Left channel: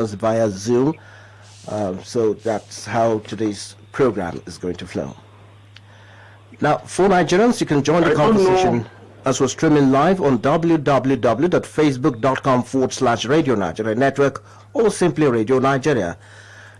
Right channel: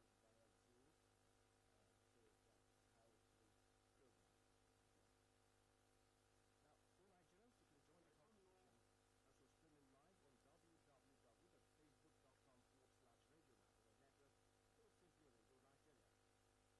us via Zoom. So that's how today's program is going to flow. Now, for Nigerians, you can join the I don't conversation know. as we're streaming live on www.facebook.com/Radio Nigeria Network or simply Radio Nigeria.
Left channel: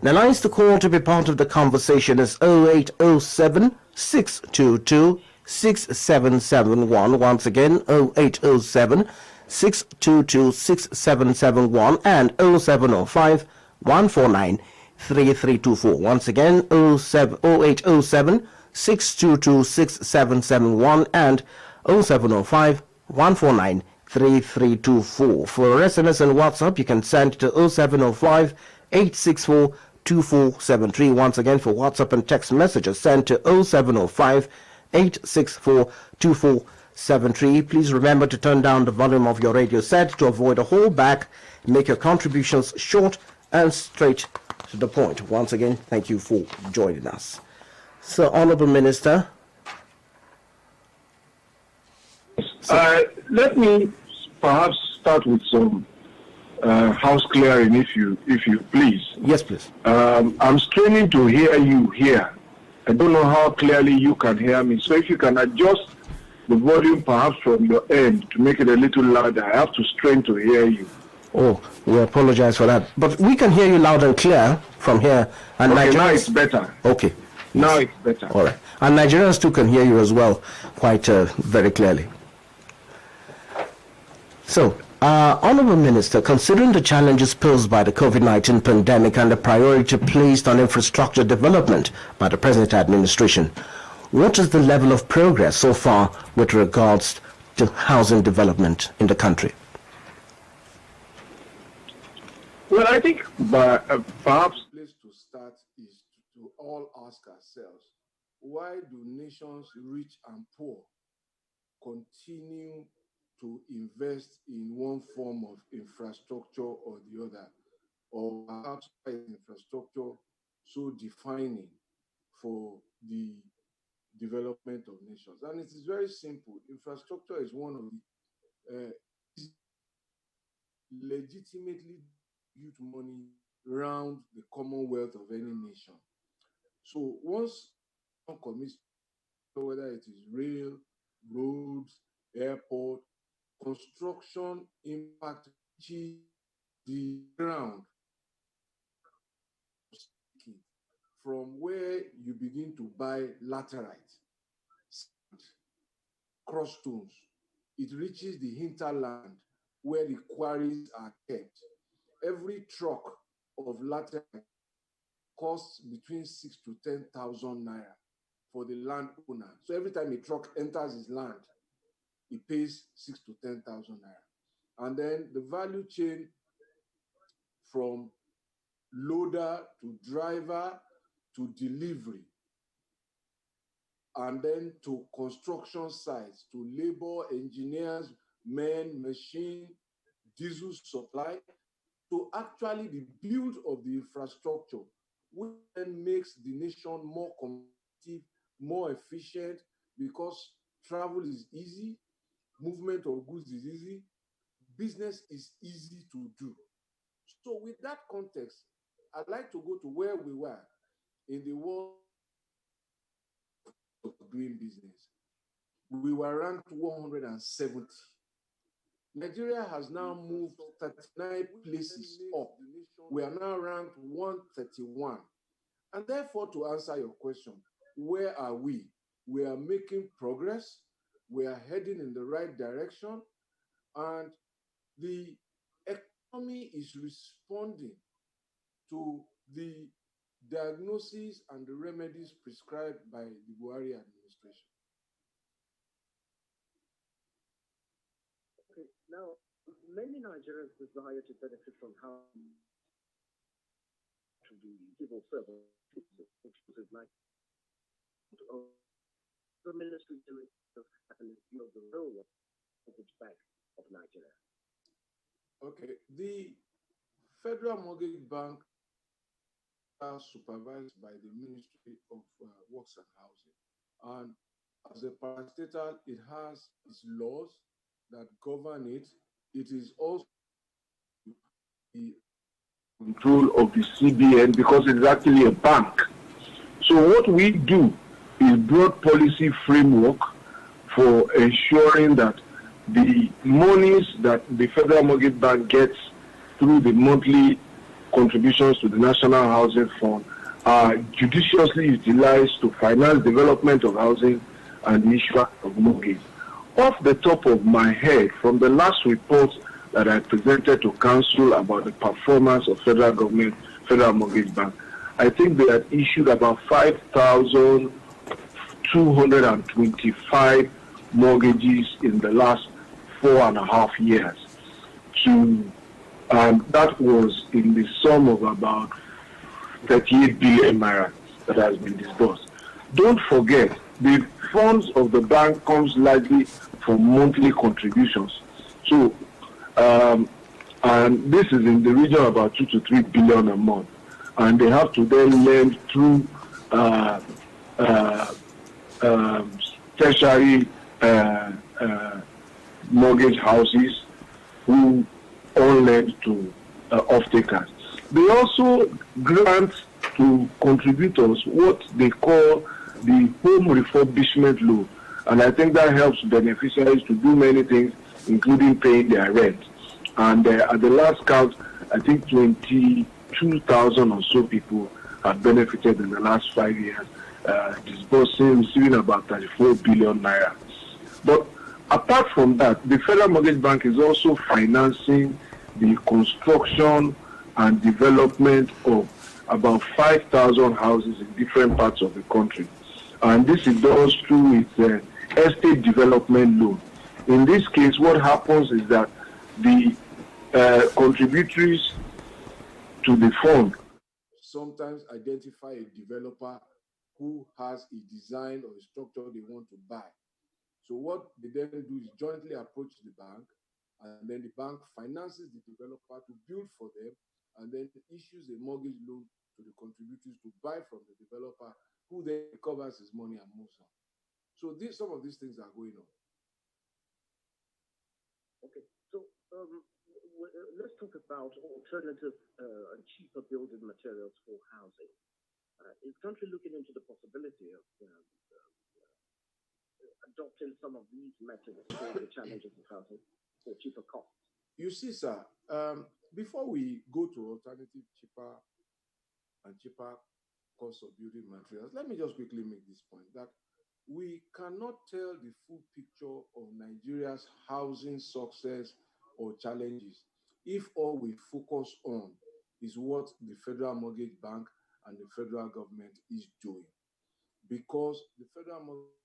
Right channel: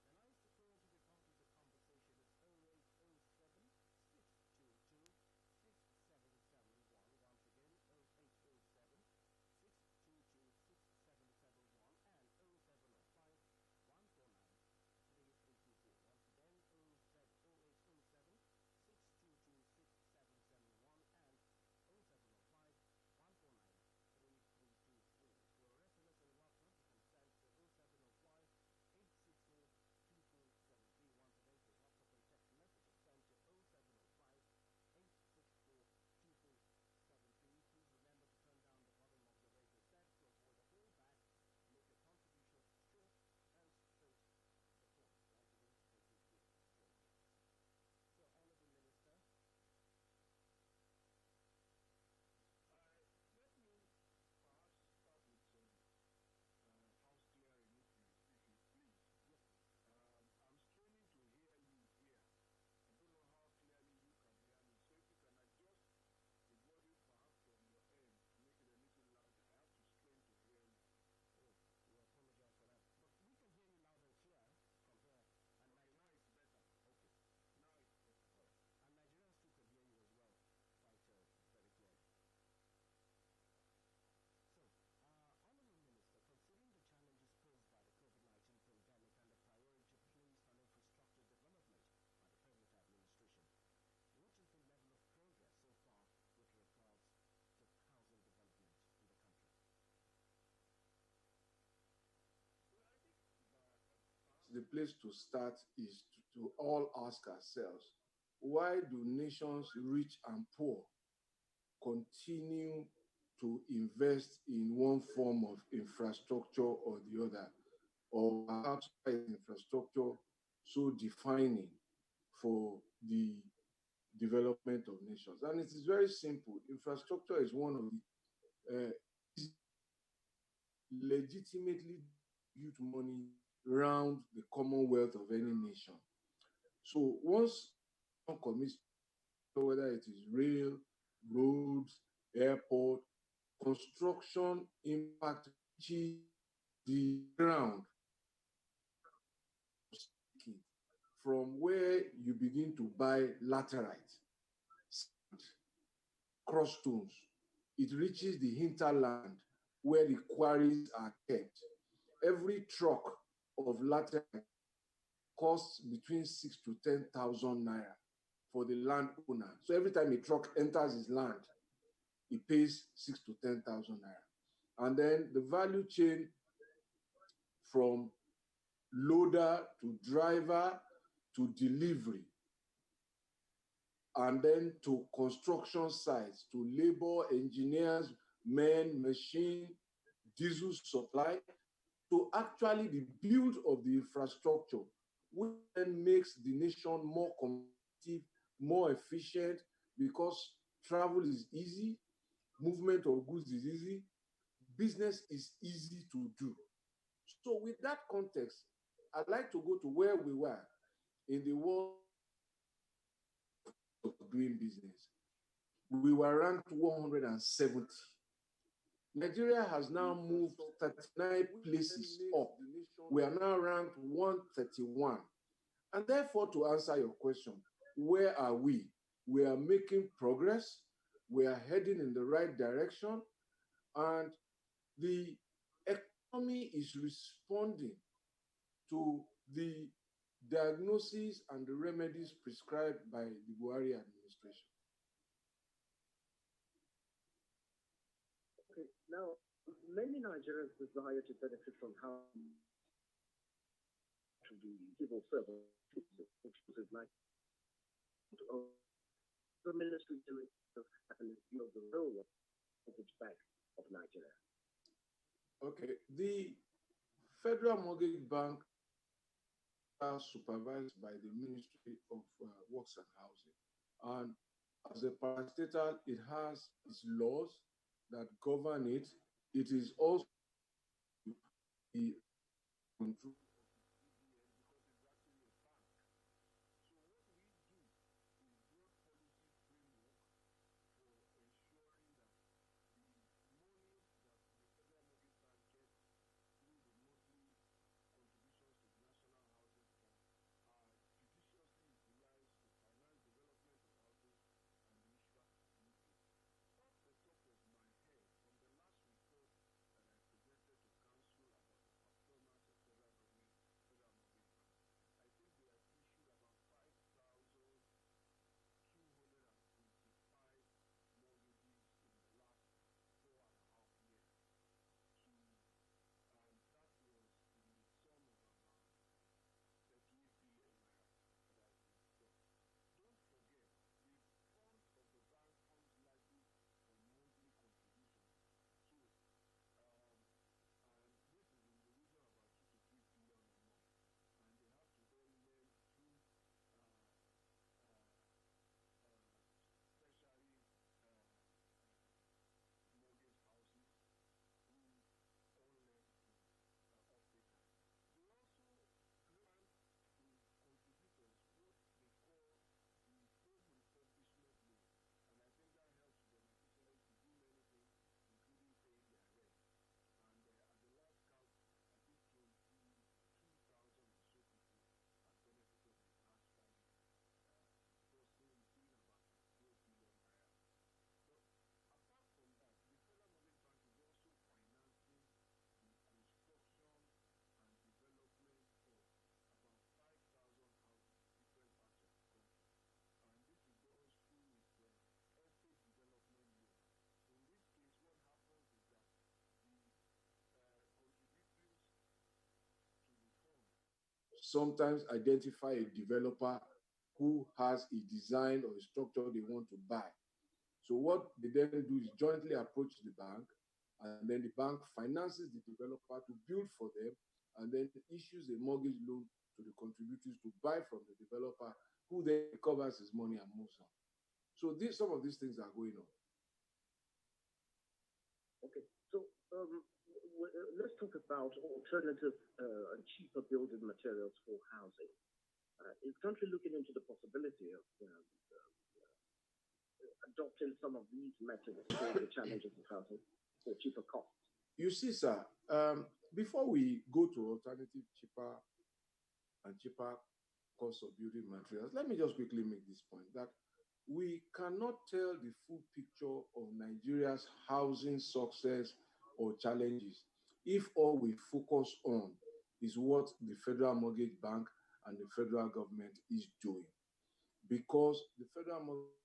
The lines to call to be part of the conversation is 0807 622 6771. Once again, 0807 622 6771 and 0705 149 3324. Once again, 0807 622 6771 and 0705 149 3324. For SMS and WhatsApp, you can send to 0705 864 2473. Once again, for WhatsApp and text messages, send to 0705 864 2473. Please remember to turn down the volume of your radio set to avoid a holdback. Make your contributions short and straight to the point. Once again, thank you for joining us. So, Honorable Minister. Let me perhaps start with some house clearing, if you please. Yes, please. I'm straining to hear you here. I don't know how clearly you can hear me. So if you can adjust the volume perhaps from your end to make it a little louder, I have to strain to hear you. Oh, we apologize for that. But we can hear you loud and clear from here. And Okay, Nigerians... now it's better. Okay. Now Yes. it's better. All right. And Nigerians too can hear you as well, quite very clearly. So, Honorable Minister, considering the challenges posed by the COVID-19 pandemic and the priority placed on infrastructure development by the present administration, what is the level of progress so far with regards to housing development in the country? Well, I think perhaps the place to start is to all ask ourselves, why do nations rich and poor continue to invest in one form of infrastructure or the other? Or perhaps infrastructure so defining for the development of nations? And it is very simple. Infrastructure is one of the legitimately built money around the commonwealth of any nation. So once one commits, whether it is rail, roads, airport, construction impact the ground from where you begin to buy laterite, sand, cross stones. It reaches the hinterland where the quarries are kept. Every truck of laterite costs between 6 to 10,000 naira for the landowner. So every time a truck enters his land, he pays 6 to 10,000 naira. And then the value chain from loader to driver to delivery, and then to construction sites, to labor, engineers, men, machine, diesel supply, to actually the build of the infrastructure, which then makes the nation more competitive, more efficient, because travel is easy, movement of goods is easy, business is easy to do. So with that context, I'd like to go to where we were in the world of doing business. We were ranked 170. Nigeria has now moved 39 places up. We are now ranked 131. And therefore, to answer your question, where are we? We are making progress. We are heading in the right direction. And the economy is responding to the diagnoses and the remedies prescribed by the Buhari administration. Okay, now many Nigerians desire to benefit from how to the civil service, which is like the ministry doing and the role of the Bank of Nigeria. Okay, the Federal Mortgage Bank are supervised by the Ministry of Works and Housing. And as a parastatal, it has its laws that govern it. It is also the control of the CBN because it's actually a bank. So what we do is broad policy framework for ensuring that the monies that the Federal Mortgage Bank gets through the monthly contributions to the National Housing Fund are judiciously utilized to finance development of housing and the issue of mortgage. Off the top of my head, from the last report that I presented to Council about the performance of federal government, Federal Mortgage Bank, I think they had issued about 5,225 mortgages in the last 4.5 years. That was in the sum of about 38 billion naira that has been disbursed. Don't forget, the funds of the bank comes largely from monthly contributions. So, and this is in the region of about 2 to 3 billion a month. And they have to then lend through tertiary mortgage houses who all lend to off-takers. They also grant to contributors what they call the home refurbishment loan. And I think that helps beneficiaries to do many things, including paying their rent. And at the last count, I think 22,000 or so people have benefited in the last 5 years, receiving about 34 billion naira. But apart from that, the Federal Mortgage Bank is also financing the construction and development of about 5,000 houses in different parts of the country. And this is done through its estate development loan. In this case, what happens is that the contributories to the fund sometimes identify a developer who has a design or a structure they want to buy. So what they then do is jointly approach the bank, and then the bank finances the developer to build for them, and then issues a mortgage loan to the contributors to buy from the developer, who then recovers his money and moves on. So some of these things are going on. Okay, so let's talk about alternative and cheaper building materials for housing. Is the country looking into the possibility of adopting some of these methods for the challenges of housing for cheaper costs? You see, sir, before we go to alternative, cheaper costs of building materials, let me just quickly make this point that we cannot tell the full picture of Nigeria's housing success or challenges if all we focus on is what the Federal Mortgage Bank and the federal government is doing. Because the Federal Mortgage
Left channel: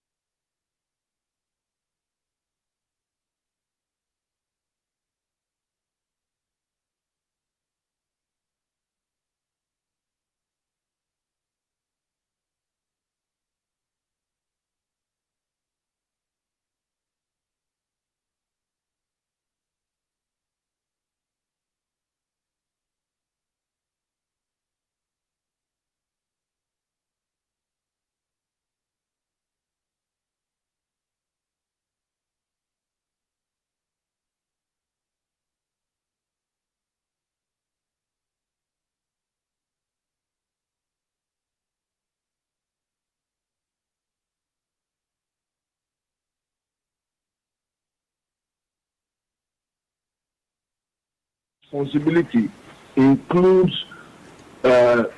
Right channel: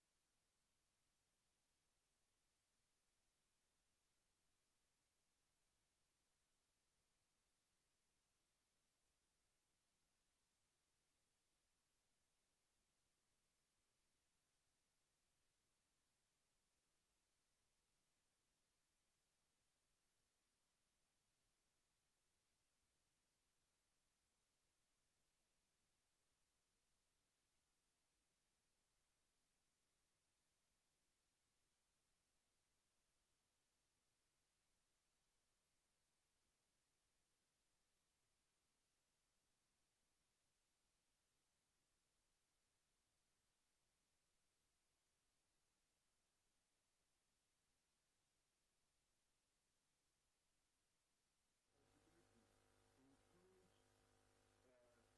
responsibility includes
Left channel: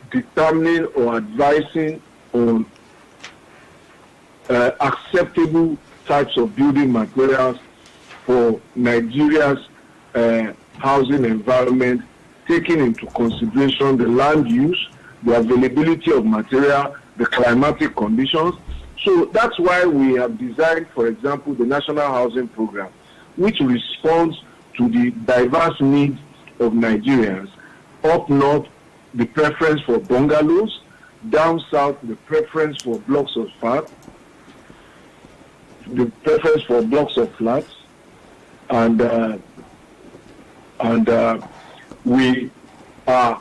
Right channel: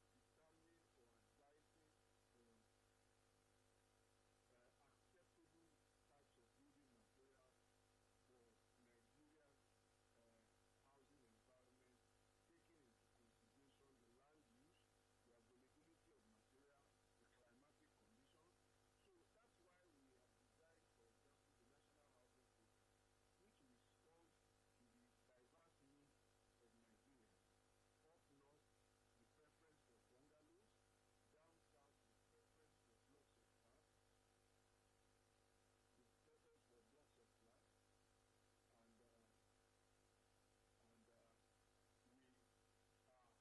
determining or advising on acceptable types of building materials for Nigeria's housing environment, taking into consideration the land use, the availability of material, the climatic conditions. So that's why we have designed, for example, the National Housing Program, which responds to the diverse needs of Nigerians. Up north, the preference for bungalows; down south, the preference for blocks of flats; and we are